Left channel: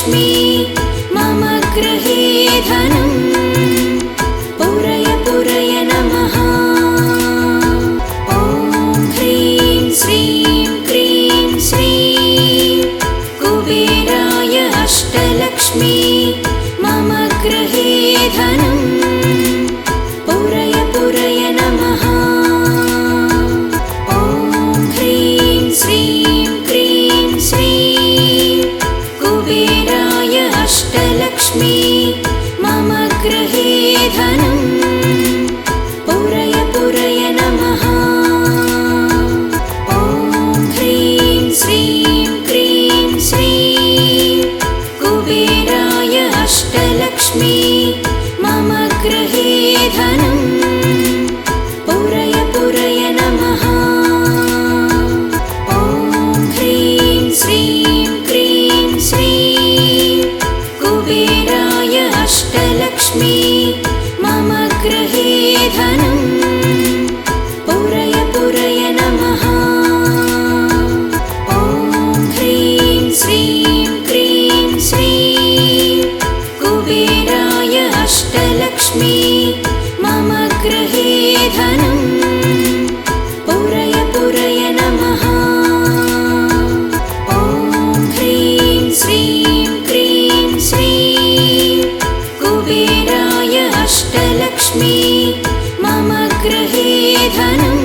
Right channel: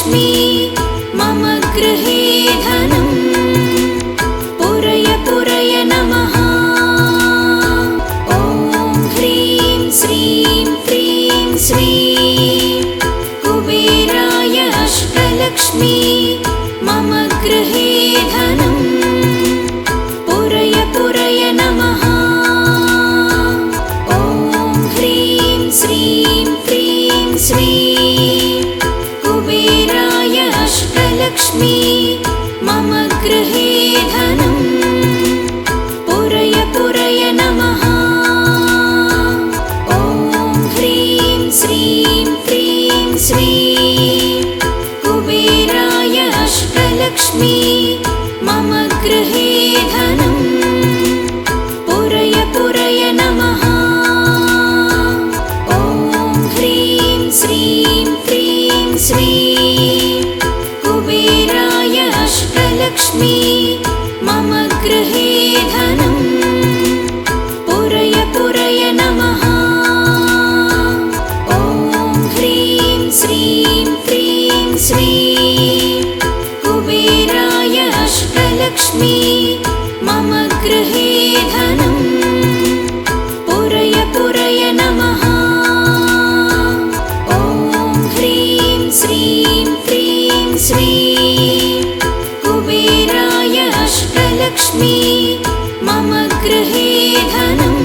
अष्टलक्ष्मी मम गृहे धनम् पूरय पूरय नमः। ॐ ह्रीं श्रीं क्रीं श्रीं कुबेराय अष्टलक्ष्मी मम गृहे धनम् पूरय पूरय नमः। ॐ ह्रीं श्रीं क्रीं श्रीं कुबेराय अष्टलक्ष्मी मम गृहे धनम् पूरय पूरय नमः। ॐ ह्रीं श्रीं क्रीं श्रीं कुबेराय अष्टलक्ष्मी मम गृहे धनम् पूरय पूरय नमः। ॐ ह्रीं श्रीं क्रीं श्रीं कुबेराय अष्टलक्ष्मी मम गृहे धनम् पूरय पूरय नमः। ॐ ह्रीं श्रीं क्रीं श्रीं कुबेराय अष्टलक्ष्मी मम गृहे धनम् पूरय पूरय नमः। ॐ ह्रीं श्रीं क्रीं श्रीं कुबेराय अष्टलक्ष्मी मम गृहे धनम्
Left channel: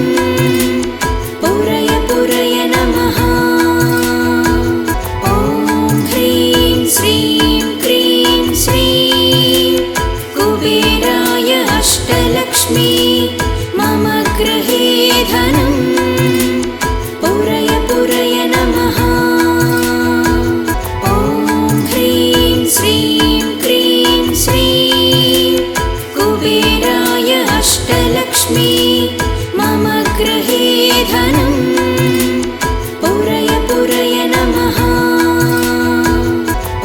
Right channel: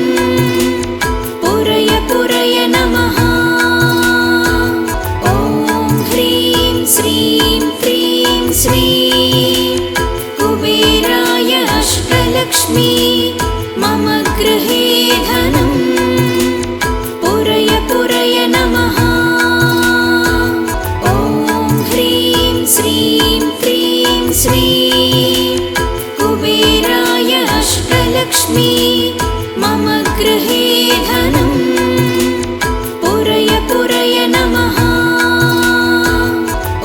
पूरय पूरय नमः। ॐ ह्रीं श्रीं क्रीं श्रीं कुबेराय अष्टलक्ष्मी मम गृहे धनम् पूरय पूरय नमः। ॐ ह्रीं श्रीं क्रीं श्रीं कुबेराय अष्टलक्ष्मी मम गृहे धनम् पूरय पूरय नमः।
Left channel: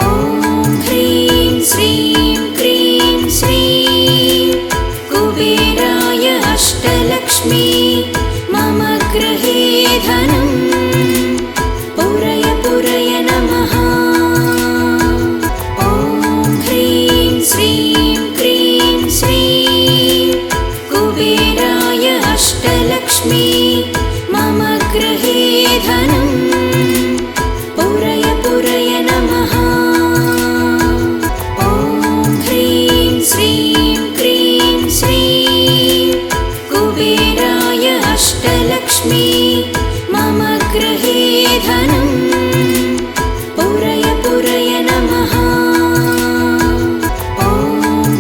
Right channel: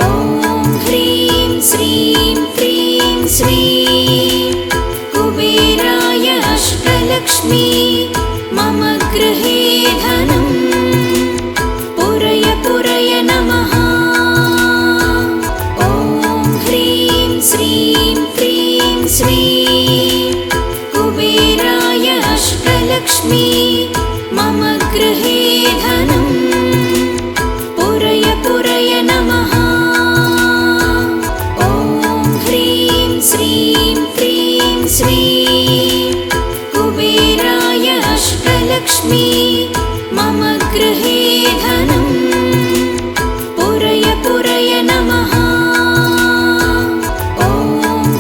ॐ ह्रीं श्रीं क्रीं श्रीं कुबेराय अष्टलक्ष्मी मम गृहे धनम् पूरय पूरय नमः। ॐ ह्रीं श्रीं क्रीं श्रीं कुबेराय अष्टलक्ष्मी मम गृहे धनम् पूरय पूरय नमः। ॐ ह्रीं श्रीं क्रीं श्रीं कुबेराय अष्टलक्ष्मी मम गृहे धनम् पूरय पूरय नमः। ॐ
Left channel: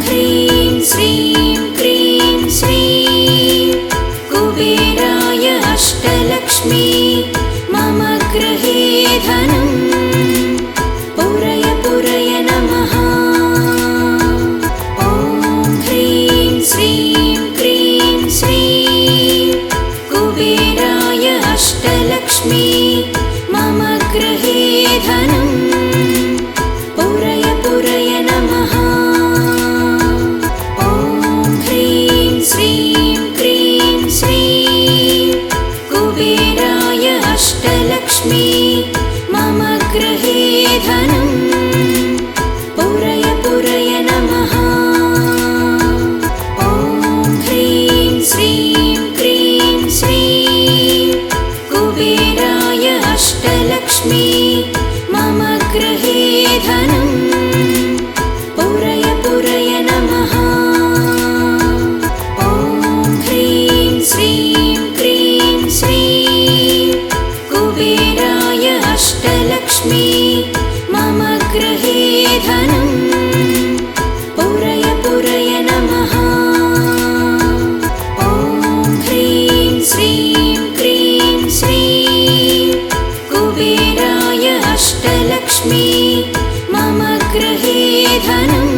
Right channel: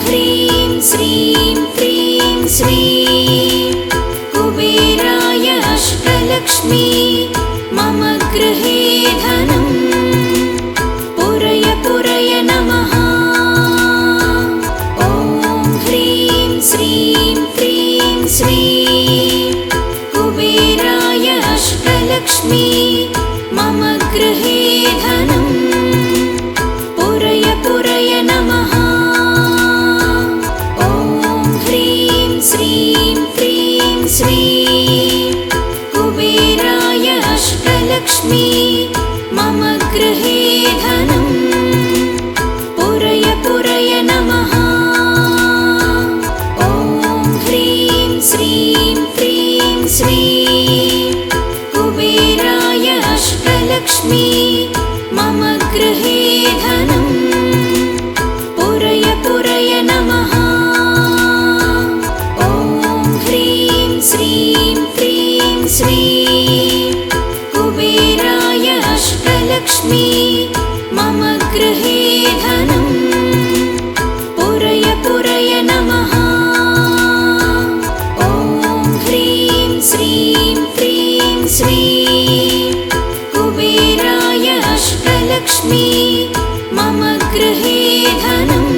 ह्रीं श्रीं क्रीं श्रीं कुबेराय अष्टलक्ष्मी मम गृहे धनम् पूरय पूरय नमः। ॐ ह्रीं श्रीं क्रीं श्रीं कुबेराय अष्टलक्ष्मी मम गृहे धनम् पूरय पूरय नमः। ॐ ह्रीं श्रीं क्रीं श्रीं कुबेराय अष्टलक्ष्मी मम गृहे धनम् पूरय पूरय नमः। ॐ ह्रीं श्रीं क्रीं श्रीं कुबेराय अष्टलक्ष्मी मम गृहे धनम् पूरय पूरय नमः। ॐ ह्रीं श्रीं क्रीं श्रीं कुबेराय अष्टलक्ष्मी मम गृहे धनम् पूरय पूरय नमः। ॐ ह्रीं श्रीं क्रीं श्रीं कुबेराय अष्टलक्ष्मी मम गृहे धनम्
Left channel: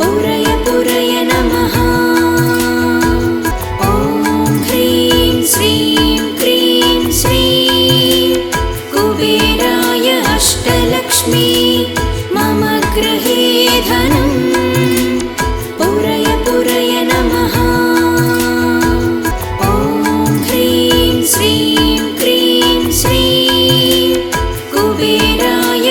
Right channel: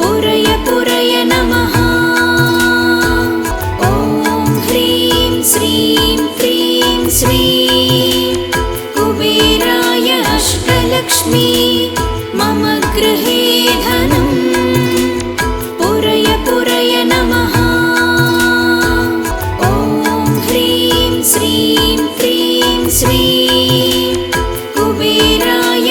पूरय पूरय नमः। ॐ ह्रीं श्रीं क्रीं श्रीं कुबेराय अष्टलक्ष्मी मम गृहे धनम् पूरय पूरय नमः। ॐ ह्रीं श्रीं क्रीं श्रीं कुबेराय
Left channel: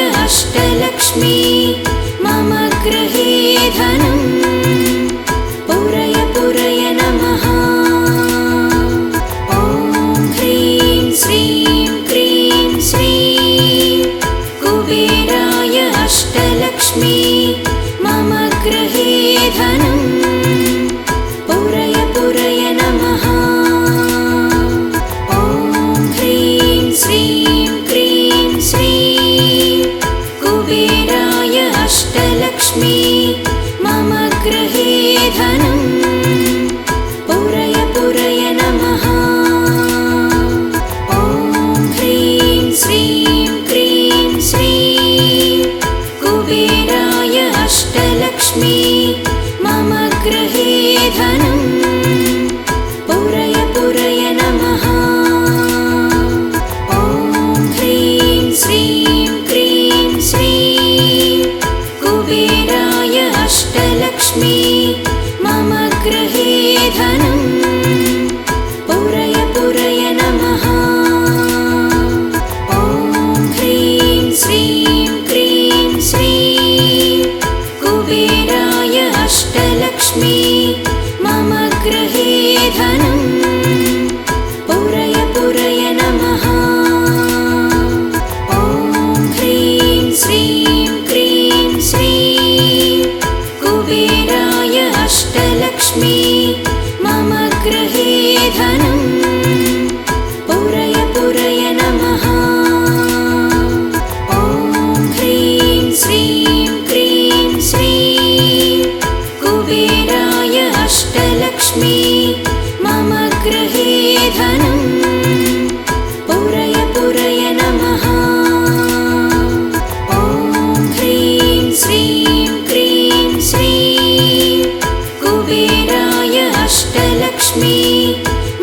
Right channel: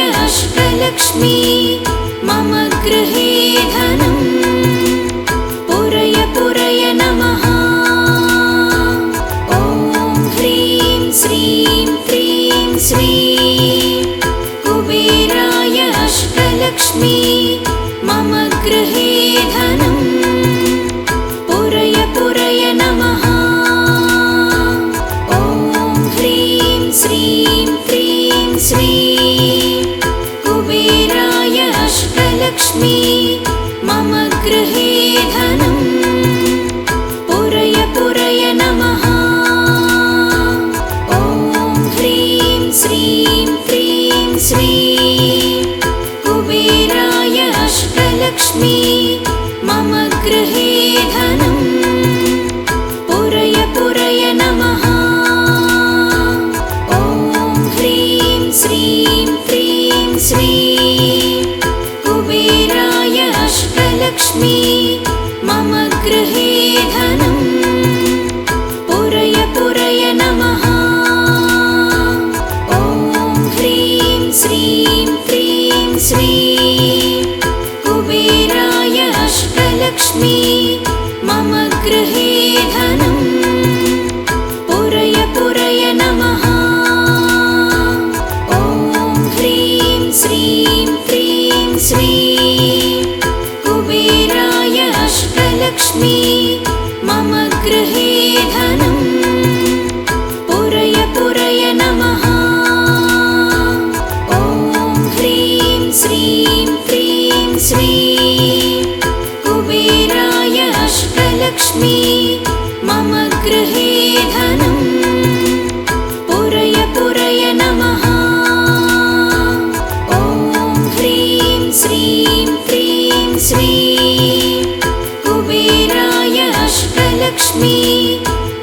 अष्टलक्ष्मी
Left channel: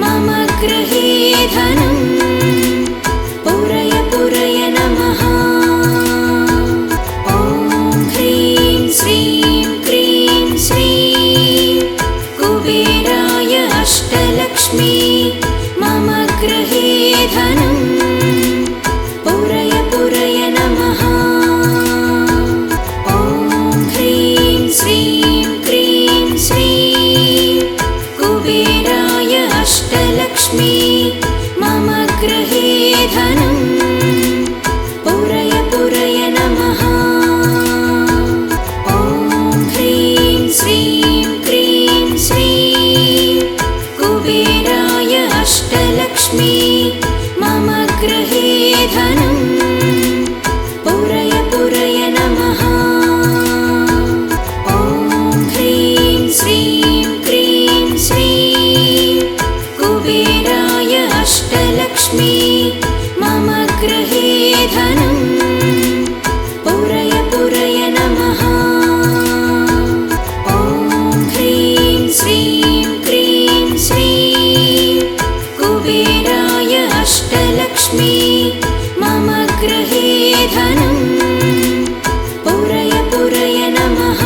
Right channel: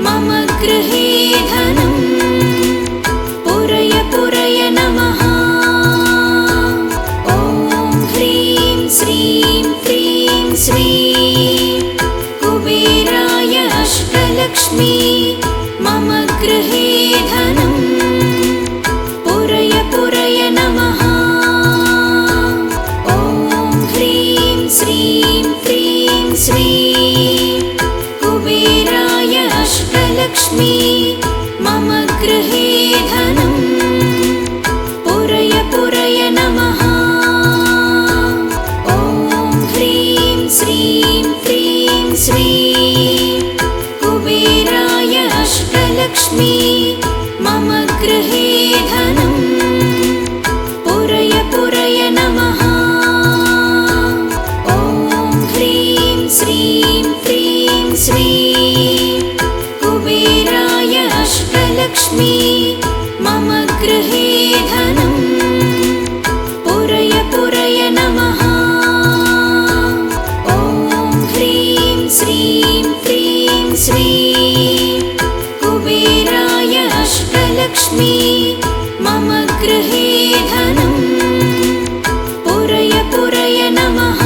मम गृहे धनम् पुरय पुरय नमः। ॐ ह्रीं श्रीं क्रीं श्रीं कुबेराय अष्टलक्ष्मी मम गृहे धनम् पुरय पुरय नमः। ॐ ह्रीं श्रीं क्रीं श्रीं कुबेराय अष्टलक्ष्मी मम गृहे धनम् पुरय पुरय नमः। ॐ ह्रीं श्रीं क्रीं श्रीं कुबेराय अष्टलक्ष्मी मम गृहे धनम् पुरय पुरय नमः। ॐ ह्रीं श्रीं क्रीं श्रीं कुबेराय अष्टलक्ष्मी मम गृहे धनम् पुरय पुरय नमः। ॐ ह्रीं श्रीं क्रीं श्रीं कुबेराय अष्टलक्ष्मी मम गृहे धनम् पुरय पुरय नमः।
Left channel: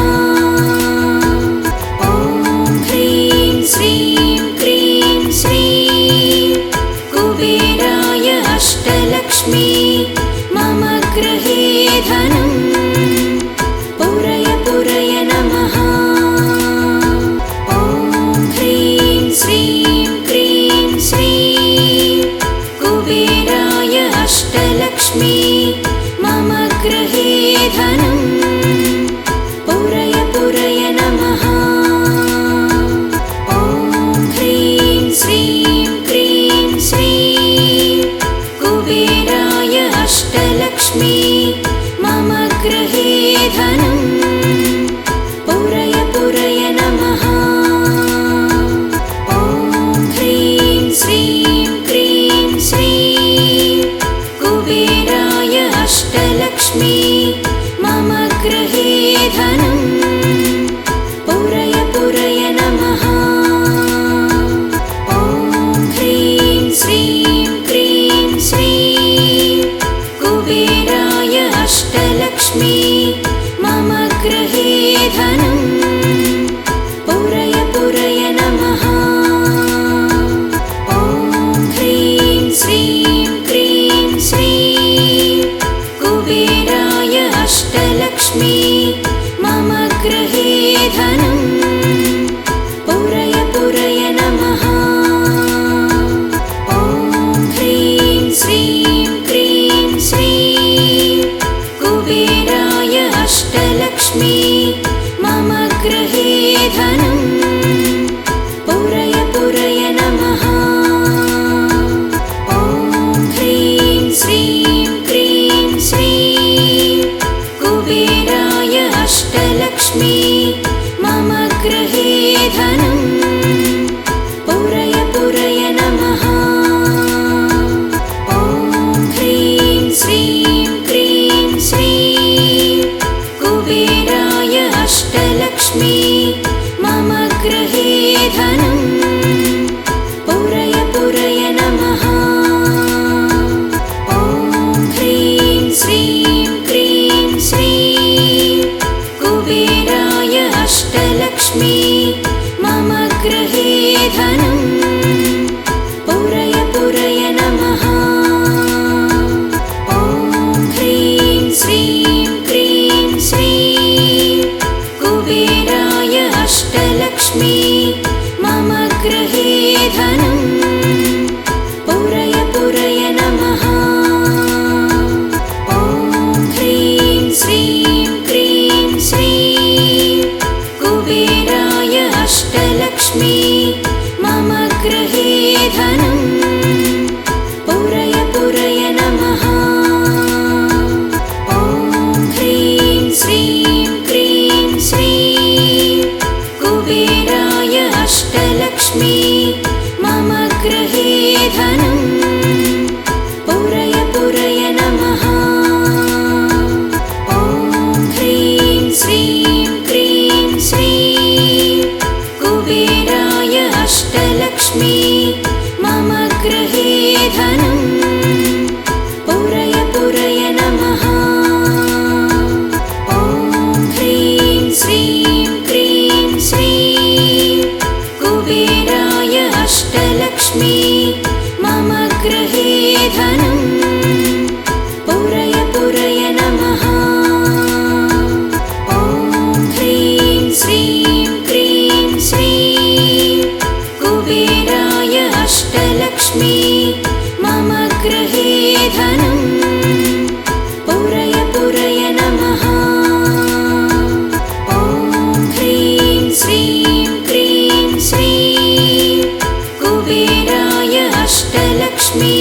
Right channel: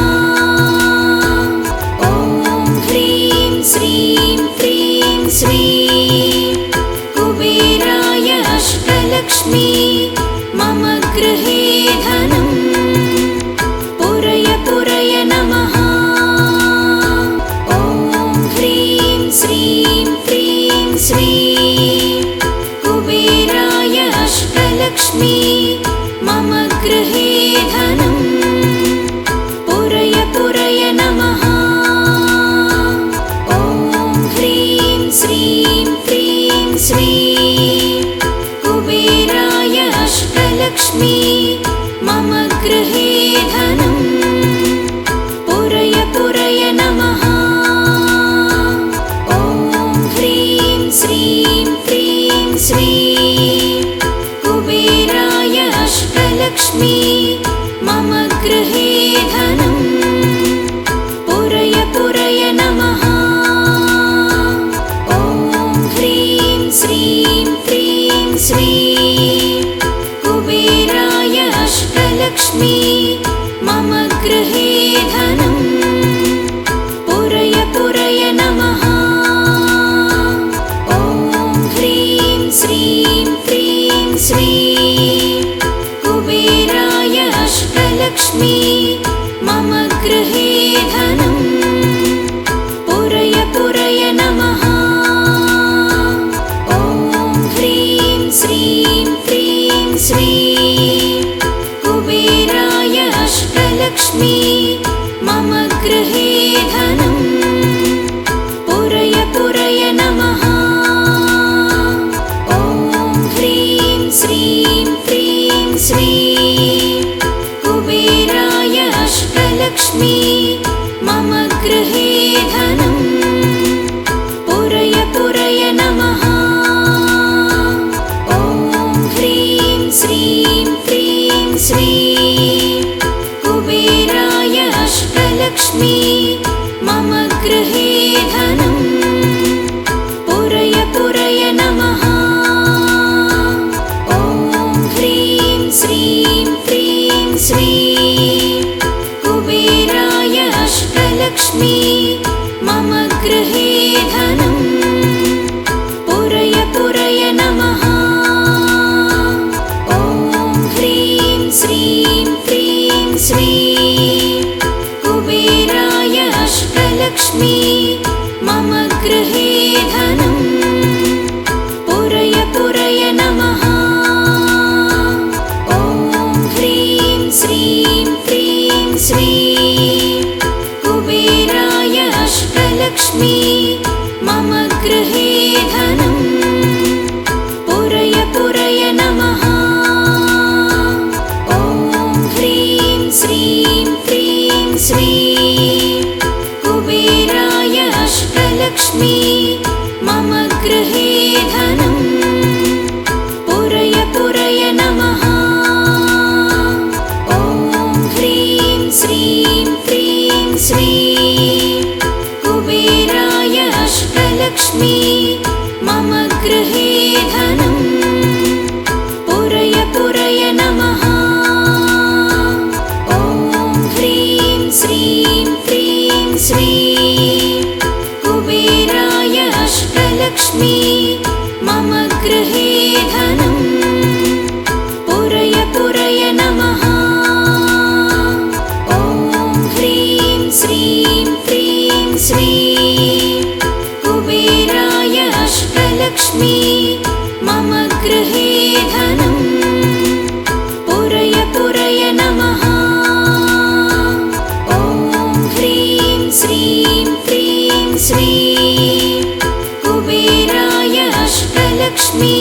ॐ ह्रीं श्रीं क्रीं श्रीं कुबेराय अष्टलक्ष्मी मम गृहे धनम् पुरय पुरय नमः। ॐ ह्रीं श्रीं क्रीं श्रीं कुबेराय अष्टलक्ष्मी मम गृहे धनम् पुरय पुरय नमः। ॐ ह्रीं श्रीं क्रीं श्रीं कुबेराय अष्टलक्ष्मी मम गृहे धनम् पुरय पुरय नमः। ॐ ह्रीं श्रीं क्रीं श्रीं कुबेराय अष्टलक्ष्मी मम गृहे धनम् पुरय पुरय नमः। ॐ ह्रीं श्रीं क्रीं श्रीं कुबेराय अष्टलक्ष्मी मम गृहे धनम् पुरय पुरय नमः। ॐ ह्रीं श्रीं क्रीं श्रीं कुबेराय अष्टलक्ष्मी मम गृहे धनम् पुरय पुरय नमः। ॐ ह्रीं श्रीं क्रीं श्रीं कुबेराय अष्टलक्ष्मी मम गृहे धनम् पुरय पुरय नमः। ॐ ह्रीं श्रीं क्रीं श्रीं कुबेराय अष्टलक्ष्मी मम गृहे धनम् पुरय पुरय नमः। ॐ ह्रीं श्रीं क्रीं श्रीं कुबेराय अष्टलक्ष्मी मम गृहे धनम् पुरय पुरय नमः। ॐ ह्रीं श्रीं क्रीं श्रीं कुबेराय अष्टलक्ष्मी मम गृहे धनम् पुरय पुरय नमः। ॐ ह्रीं श्रीं क्रीं श्रीं कुबेराय अष्टलक्ष्मी मम गृहे धनम् पुरय पुरय नमः। ॐ ह्रीं श्रीं क्रीं श्रीं कुबेराय अष्टलक्ष्मी मम गृहे धनम् पुरय पुरय नमः। ॐ ह्रीं श्रीं क्रीं श्रीं कुबेराय अष्टलक्ष्मी मम अष्टलक्ष्मी मम गृहे धनं पुरय पुरय नमः। ॐ ह्रीं श्रीं क्रीं श्रीं कुबेराय अष्टलक्ष्मी मम गृहे धनं पुरय पुरय नमः। ॐ ह्रीं श्रीं क्रीं श्रीं कुबेराय अष्टलक्ष्मी मम गृहे धनं पुरय पुरय नमः। ॐ ह्रीं श्रीं क्रीं श्रीं कुबेराय अष्टलक्ष्मी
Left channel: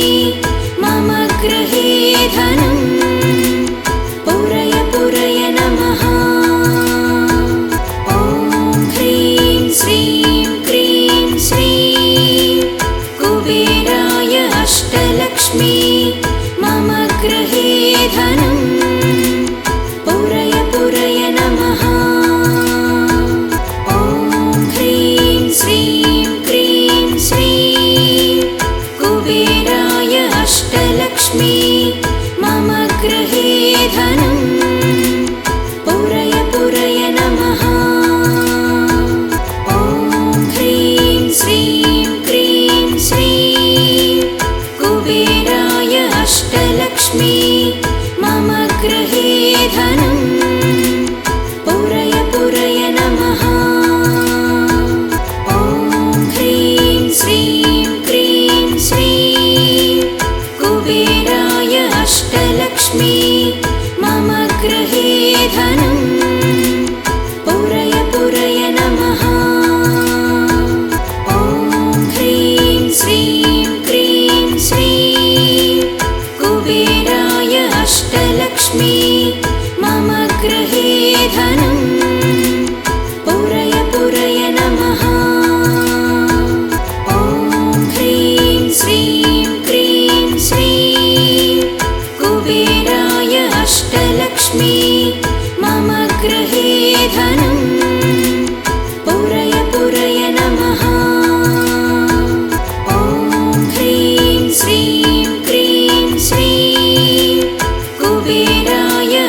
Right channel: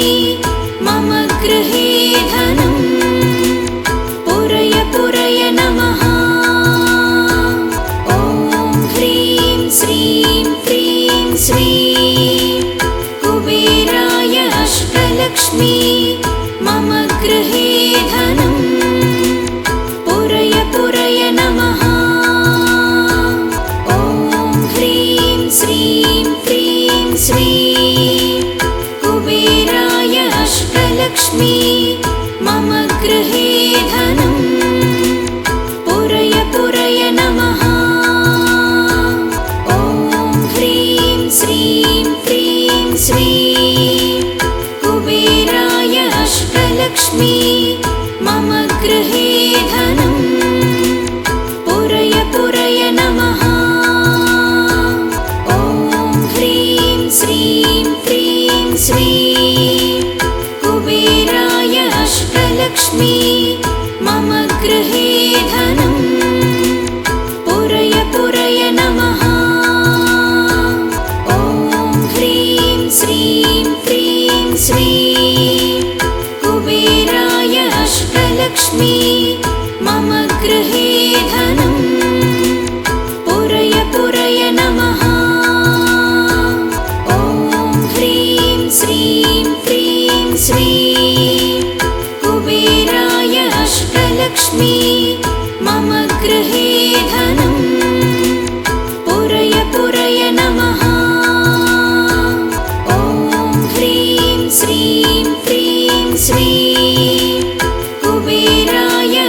मम गृहे धनं पुरय पुरय नमः। ॐ ह्रीं श्रीं क्रीं श्रीं कुबेराय अष्टलक्ष्मी मम गृहे धनं पुरय पुरय नमः। ॐ ह्रीं श्रीं क्रीं श्रीं कुबेराय अष्टलक्ष्मी मम गृहे धनं पुरय पुरय नमः। ॐ ह्रीं श्रीं क्रीं श्रीं कुबेराय अष्टलक्ष्मी मम गृहे धनं पुरय पुरय नमः। ॐ ह्रीं श्रीं क्रीं श्रीं कुबेराय अष्टलक्ष्मी मम गृहे धनं पुरय पुरय नमः। ॐ ह्रीं श्रीं क्रीं श्रीं कुबेराय अष्टलक्ष्मी मम गृहे धनं पुरय पुरय नमः। ॐ ह्रीं श्रीं क्रीं श्रीं कुबेराय अष्टलक्ष्मी मम गृहे धनं पुरय पुरय नमः। ॐ ह्रीं श्रीं क्रीं श्रीं कुबेराय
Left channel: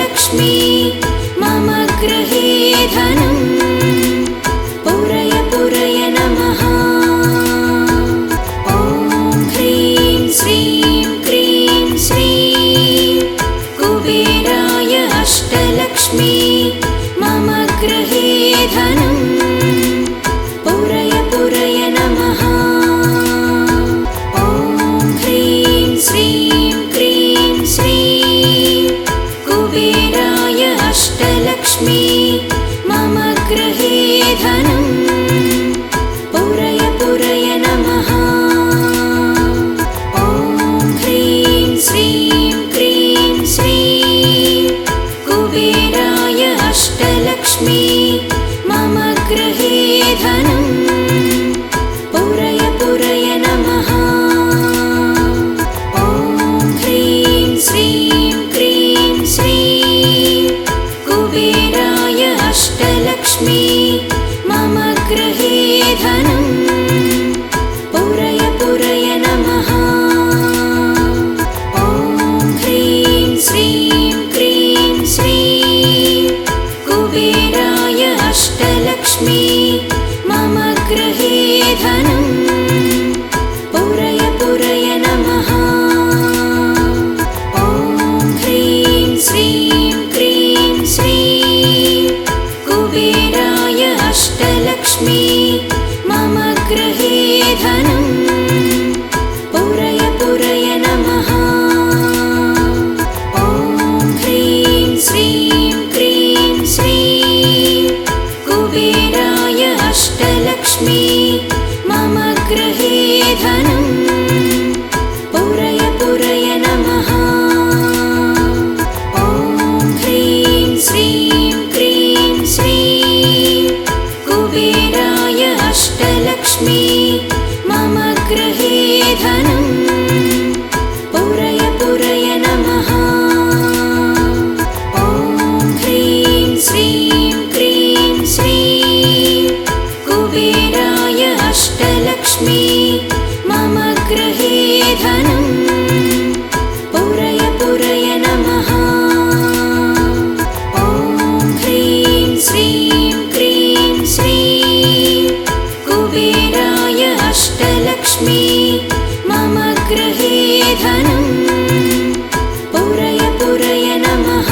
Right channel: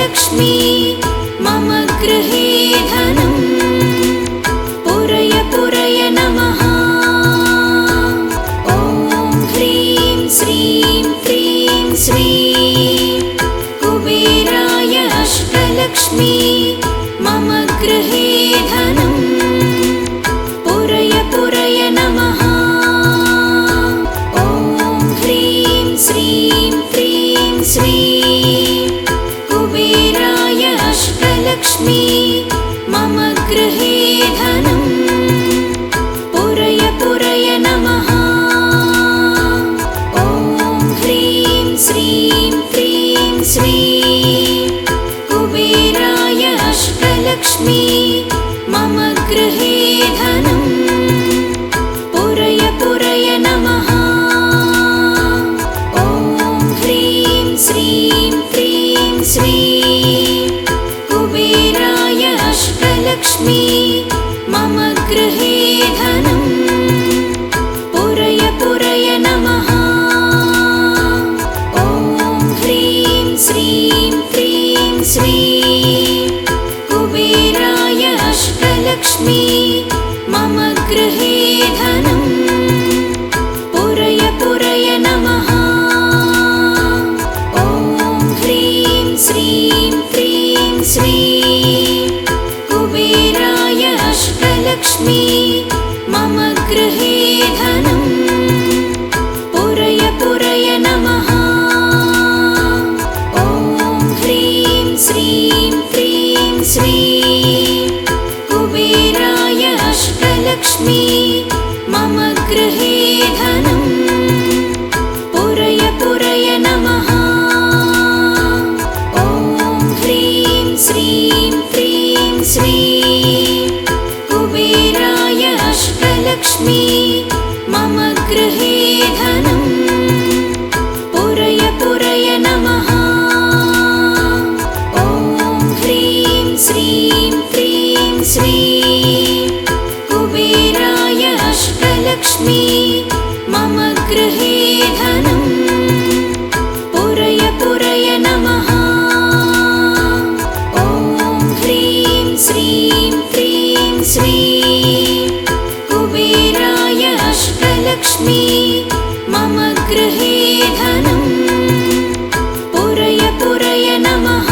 अष्टलक्ष्मी मम गृहे धनं पुरय पुरय नमः। ॐ ह्रीं श्रीं क्रीं श्रीं कुबेराय अष्टलक्ष्मी मम गृहे धनं पुरय पुरय नमः। ॐ ह्रीं श्रीं क्रीं श्रीं कुबेराय अष्टलक्ष्मी मम गृहे धनं पुरय पुरय नमः। ॐ ह्रीं श्रीं क्रीं श्रीं कुबेराय अष्टलक्ष्मी मम गृहे धनं पुरय पुरय नमः। ॐ ह्रीं श्रीं क्रीं श्रीं कुबेराय अष्टलक्ष्मी मम गृहे धनं पुरय पुरय नमः। ॐ ह्रीं श्रीं क्रीं श्रीं कुबेराय अष्टलक्ष्मी मम गृहे धनं पुरय पुरय नमः। ॐ ह्रीं श्रीं क्रीं श्रीं कुबेराय अष्टलक्ष्मी मम गृहे धनं पुरय पुरय नमः। ॐ ह्रीं श्रीं क्रीं श्रीं कुबेराय अष्टलक्ष्मी मम गृहे धनं पुरय पुरय नमः। ॐ ह्रीं श्रीं क्रीं श्रीं कुबेराय अष्टलक्ष्मी मम गृहे धनं पुरय पुरय नमः। ॐ ह्रीं श्रीं क्रीं श्रीं कुबेराय अष्टलक्ष्मी मम गृहे धनं पुरय पुरय नमः। ॐ ह्रीं श्रीं क्रीं श्रीं कुबेराय अष्टलक्ष्मी मम गृहे धनं पुरय पुरय नमः।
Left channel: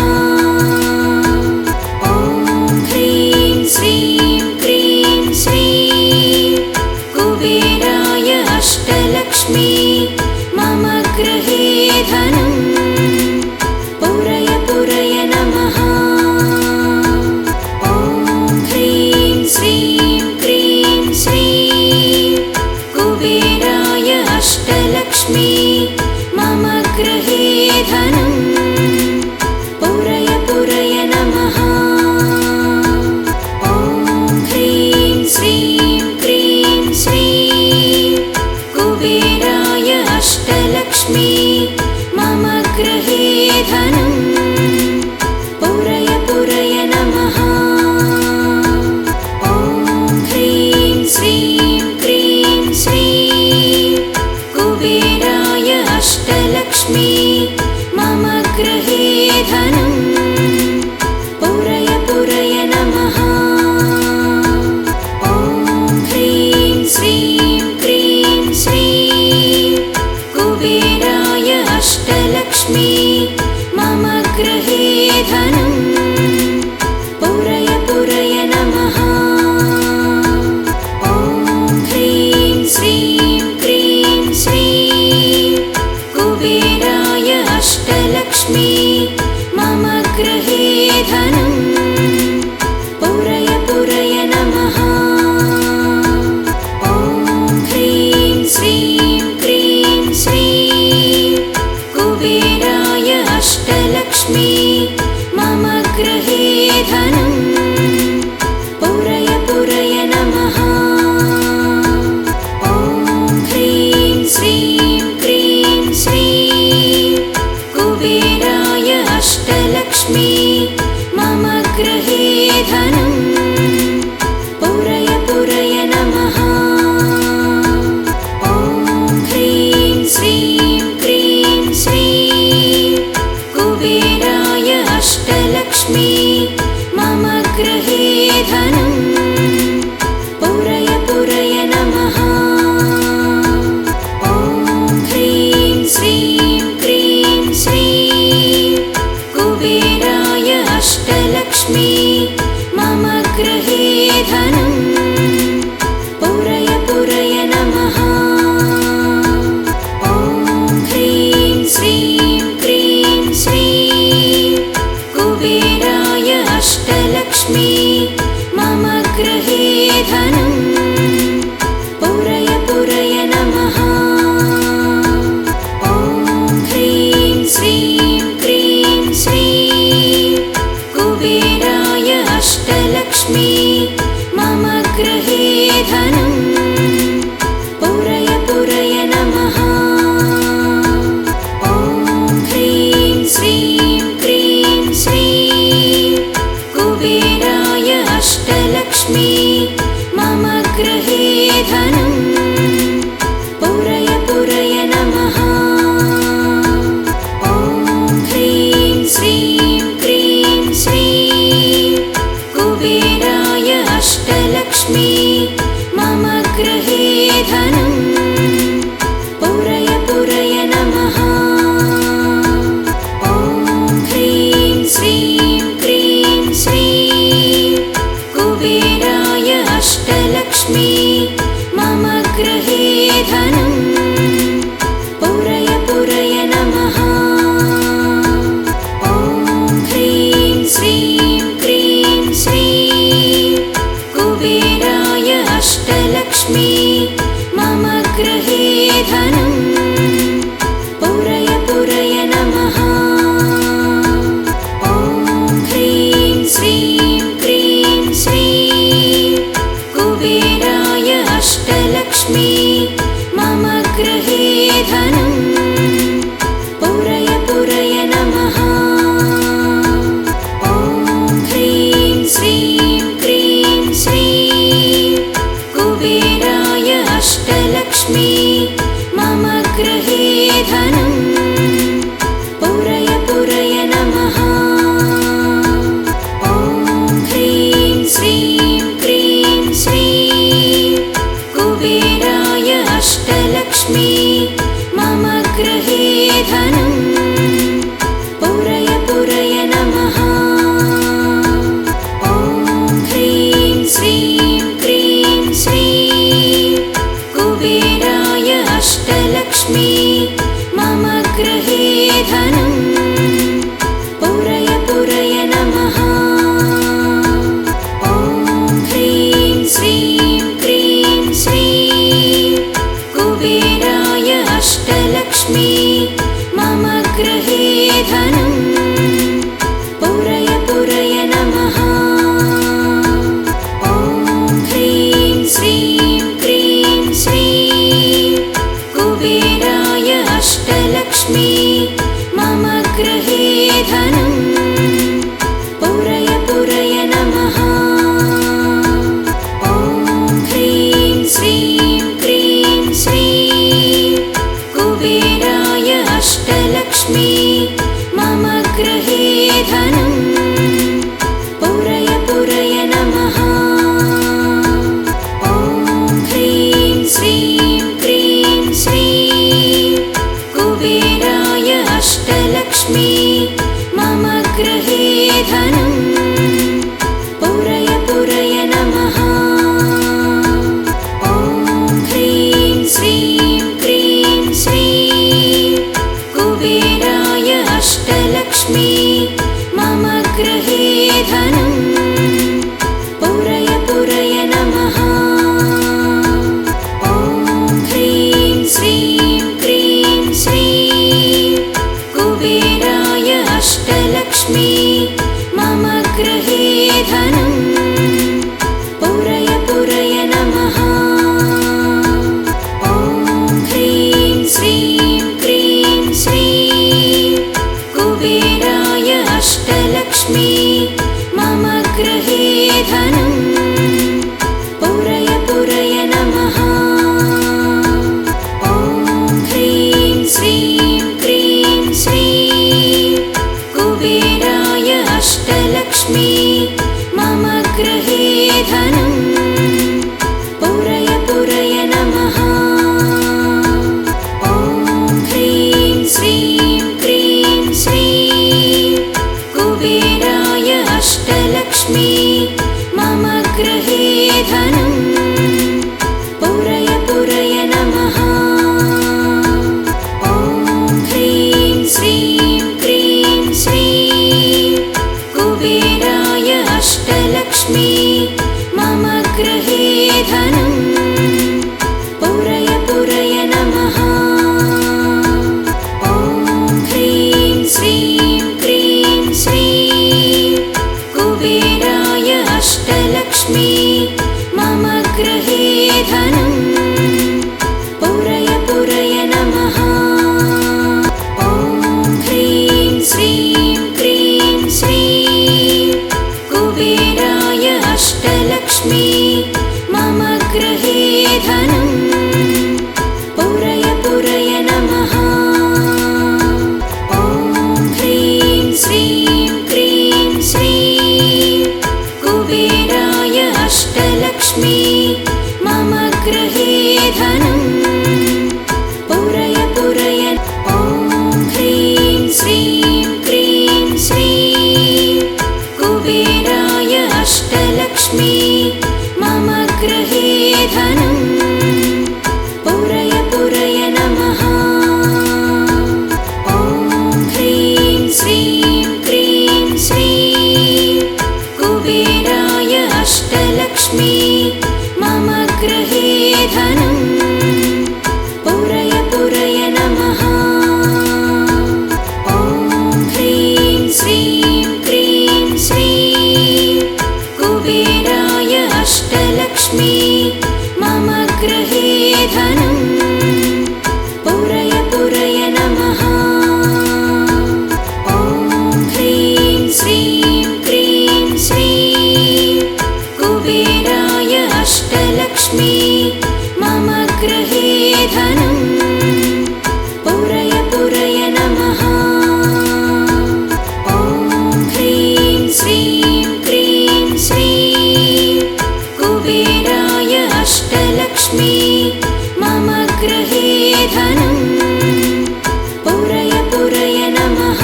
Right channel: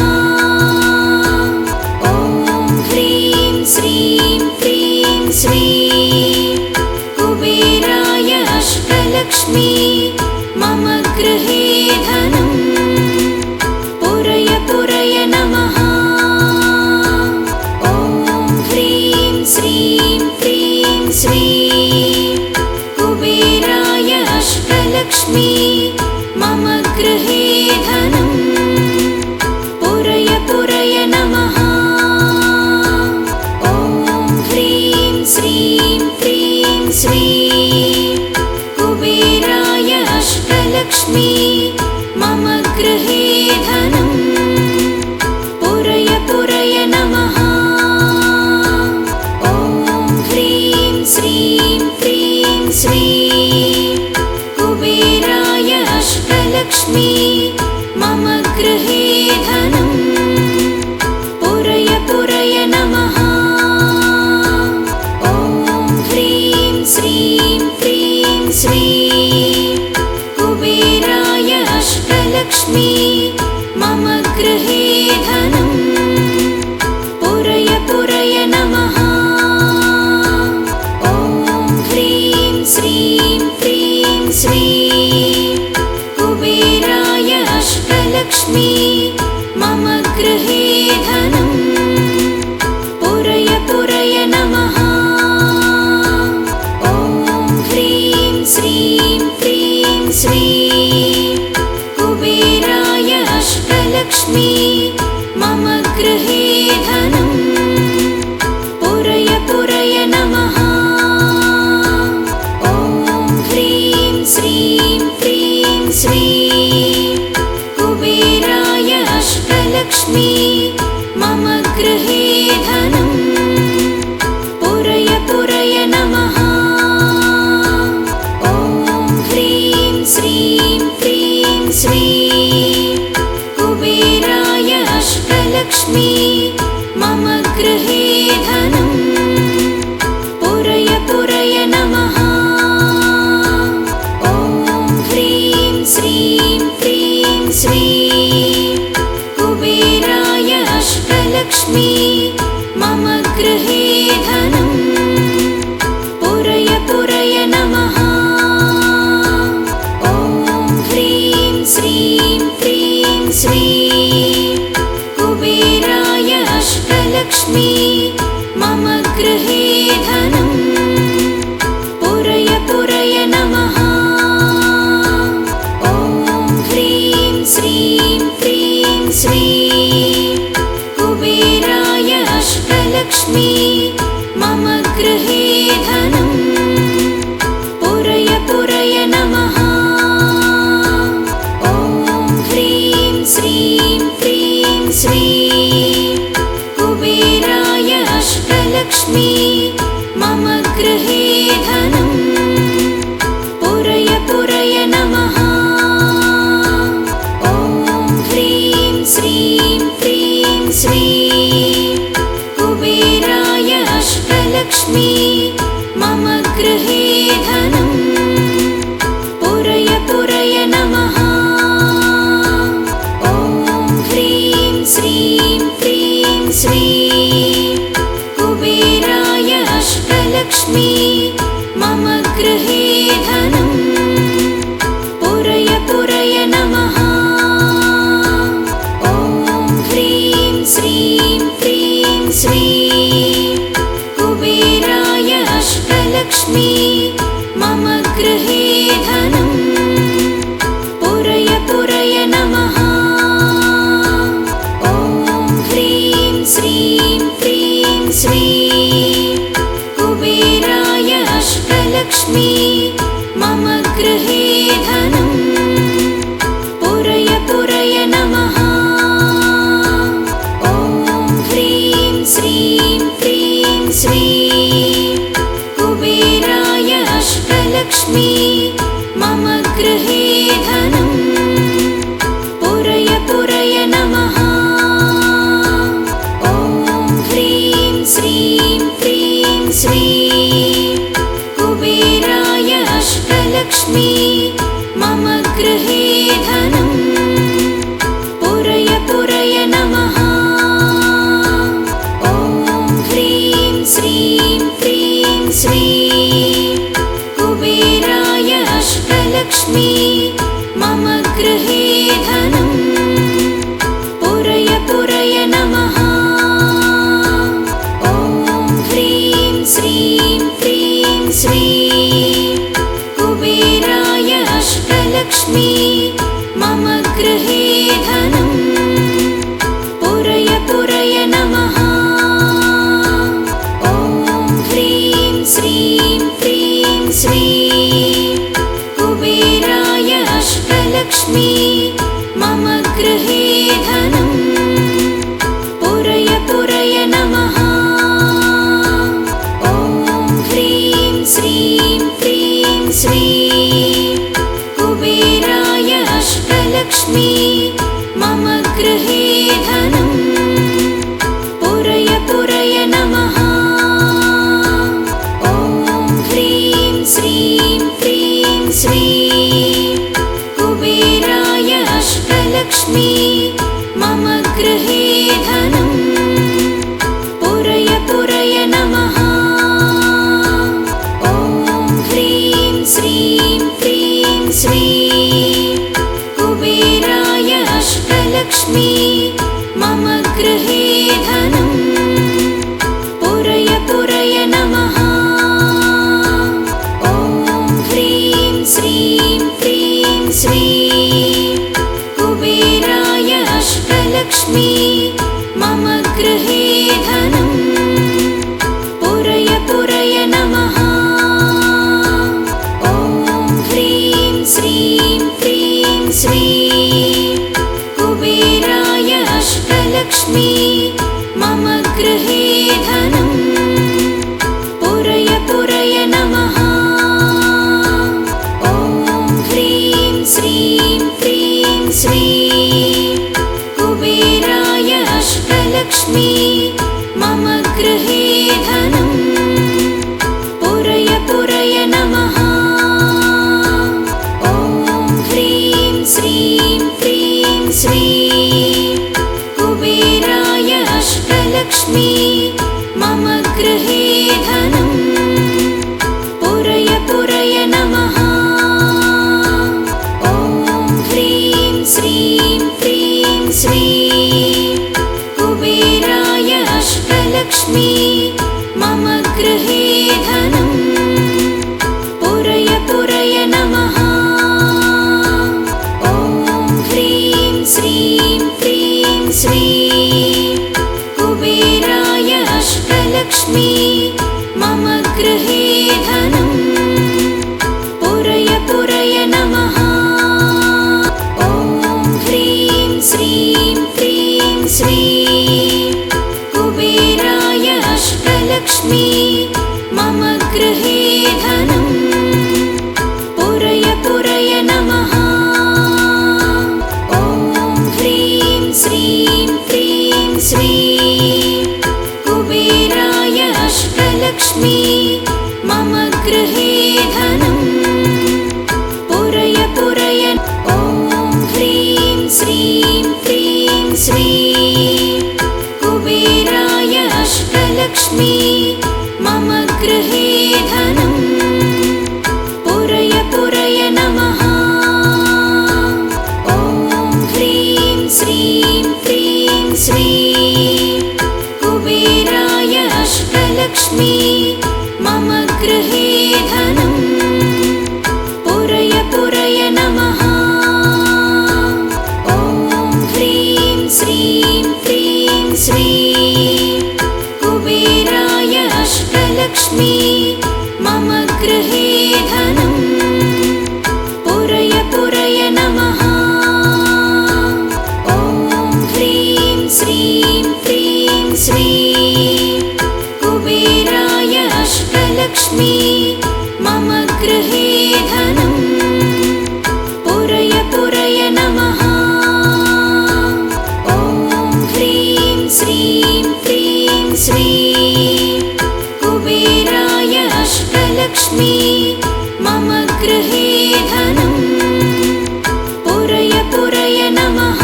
ॐ ह्रीं श्रीं क्रीं श्रीं कुबेराय अष्टलक्ष्मी मम गृहे धनं पुरय पुरय नमः। ॐ ह्रीं श्रीं क्रीं श्रीं कुबेराय अष्टलक्ष्मी मम गृहे धनं पुरय पुरय नमः। ॐ ह्रीं श्रीं क्रीं श्रीं कुबेराय अष्टलक्ष्मी मम गृहे धनं पुरय पुरय नमः। ॐ ह्रीं श्रीं क्रीं श्रीं कुबेराय अष्टलक्ष्मी मम गृहे धनं पुरय पुरय नमः। ॐ ह्रीं श्रीं क्रीं श्रीं कुबेराय अष्टलक्ष्मी मम गृहे धनं पुरय पुरय नमः। ॐ ह्रीं श्रीं क्रीं श्रीं कुबेराय अष्टलक्ष्मी मम गृहे धनं पुरय पुरय नमः। ॐ ह्रीं श्रीं क्रीं श्रीं कुबेराय अष्टलक्ष्मी मम गृहे धनं पुरय पुरय नमः। ॐ ह्रीं श्रीं क्रीं श्रीं कुबेराय अष्टलक्ष्मी मम गृहे धनं पुरय पुरय नमः। ॐ ह्रीं श्रीं क्रीं श्रीं कुबेराय अष्टलक्ष्मी मम गृहे धनं पुरय पुरय नमः। ॐ ह्रीं श्रीं क्रीं श्रीं कुबेराय अष्टलक्ष्मी मम गृहे धनं पुरय पुरय नमः। ॐ ह्रीं श्रीं क्रीं श्रीं कुबेराय अष्टलक्ष्मी मम गृहे धनं पुरय पुरय नमः। ॐ ह्रीं श्रीं क्रीं श्रीं कुबेराय अष्टलक्ष्मी मम गृहे धनं पुरय पुरय नमः। ॐ ह्रीं श्रीं क्रीं श्रीं कुबेराय अष्टलक्ष्मी मम गृहे धनं पुरय पुरय नमः। ॐ ह्रीं श्रीं क्रीं श्रीं कुबेराय अष्टलक्ष्मी मम गृहे धनं पुरय पुरय नमः। ॐ ह्रीं श्रीं क्रीं श्रीं कुबेराय अष्टलक्ष्मी मम गृहे धनं पुरय पुरय नमः। ॐ ह्रीं श्रीं क्रीं श्रीं कुबेराय अष्टलक्ष्मी मम गृहे धनं पुरय पुरय नमः। ॐ ह्रीं श्रीं क्रीं श्रीं कुबेराय अष्टलक्ष्मी मम गृहे धनं पुरय पुरय नमः। ॐ ह्रीं श्रीं क्रीं श्रीं कुबेराय अष्टलक्ष्मी मम गृहे धनं पुरय पुरय नमः। ॐ ह्रीं श्रीं क्रीं श्रीं कुबेराय अष्टलक्ष्मी मम गृहे धनं पुरय पुरय नमः। ॐ ह्रीं श्रीं क्रीं श्रीं कुबेराय अष्टलक्ष्मी मम गृहे धनं पुरय पुरय नमः। ॐ ह्रीं श्रीं क्रीं श्रीं कुबेराय अष्टलक्ष्मी अष्टलक्ष्मी मम गृहे धनं पुरय पुरय नमः। ॐ ह्रीं श्रीं क्रीं श्रीं कुबेराय अष्टलक्ष्मी मम गृहे धनं पुरय पुरय नमः। ॐ ह्रीं श्रीं क्रीं श्रीं कुबेराय अष्टलक्ष्मी मम गृहे धनं पुरय पुरय नमः। ॐ ह्रीं श्रीं क्रीं श्रीं कुबेराय अष्टलक्ष्मी मम गृहे धनं पुरय पुरय नमः। ॐ ह्रीं श्रीं क्रीं श्रीं कुबेराय अष्टलक्ष्मी मम गृहे धनं पुरय पुरय नमः। ॐ ह्रीं श्रीं क्रीं श्रीं कुबेराय अष्टलक्ष्मी मम गृहे धनं पुरय पुरय। ॐ ह्रीं श्रीं क्रीं श्रीं कुबेराय अष्टलक्ष्मी मम गृहे धनं पुरय पुरय नमः। ॐ ह्रीं श्रीं क्रीं श्रीं कुबेराय अष्टलक्ष्मी मम गृहे धनं पुरय पुरय नमः। ॐ ह्रीं श्रीं क्रीं श्रीं कुबेराय अष्टलक्ष्मी मम गृहे धनं पुरय पुरय नमः। ॐ ह्रीं श्रीं क्रीं श्रीं कुबेराय अष्टलक्ष्मी मम गृहे धनं पुरय पुरय नमः। ॐ ह्रीं श्रीं क्रीं श्रीं कुबेराय अष्टलक्ष्मी मम गृहे धनं पुरय पुरय नमः। ॐ ह्रीं श्रीं क्रीं श्रीं कुबेराय अष्टलक्ष्मी मम गृहे धनं पुरय पुरय नमः। ॐ ह्रीं श्रीं क्रीं श्रीं मम गृहे धनं पुरय पुरय नमः। ॐ ह्रीं श्रीं क्रीं श्रीं कुबेराय अष्टलक्ष्मी मम गृहे धनं पुरय पुरय नमः। ॐ ह्रीं श्रीं क्रीं श्रीं कुबेराय अष्टलक्ष्मी मम गृहे धनं पुरय पुरय नमः। ॐ ह्रीं श्रीं क्रीं श्रीं कुबेराय अष्टलक्ष्मी मम गृहे धनं पुरय पुरय नमः। ॐ ह्रीं श्रीं क्रीं श्रीं कुबेराय अष्टलक्ष्मी मम गृहे धनं पुरय पुरय नमः।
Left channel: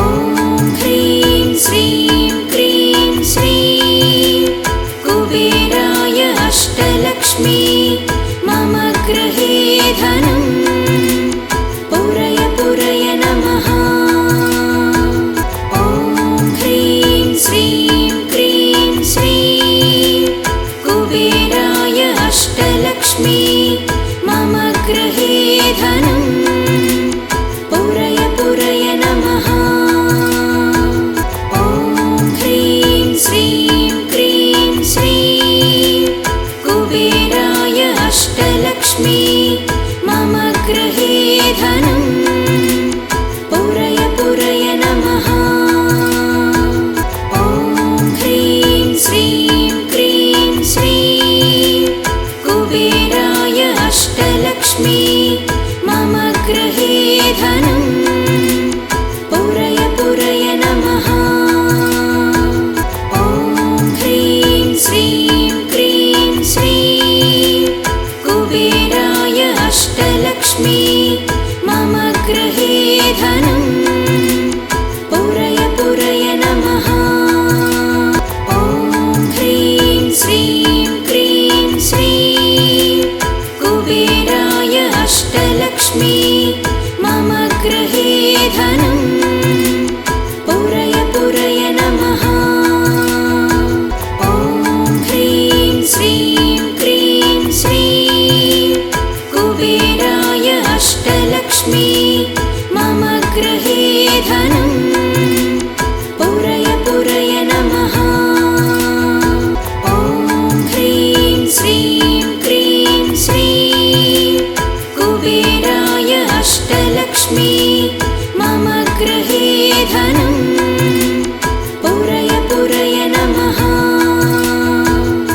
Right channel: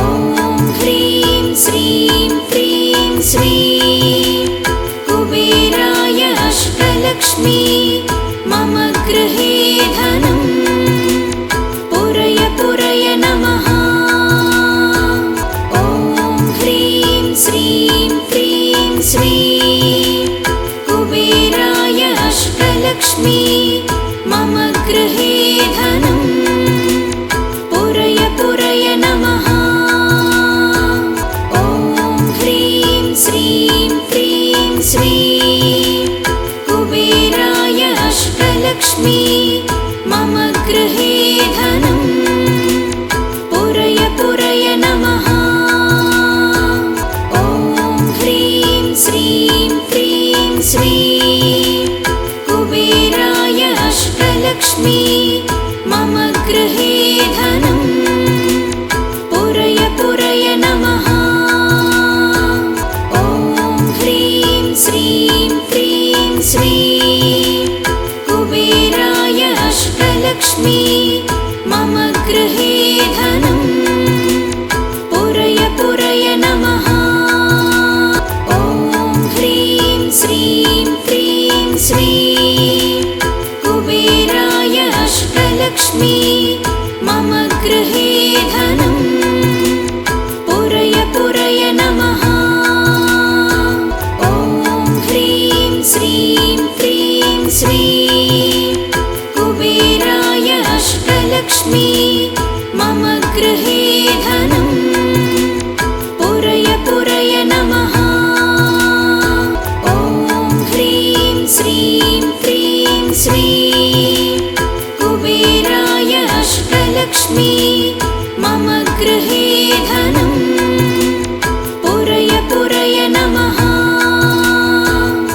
ॐ ह्रीं श्रीं क्रीं श्रीं कुबेराय अष्टलक्ष्मी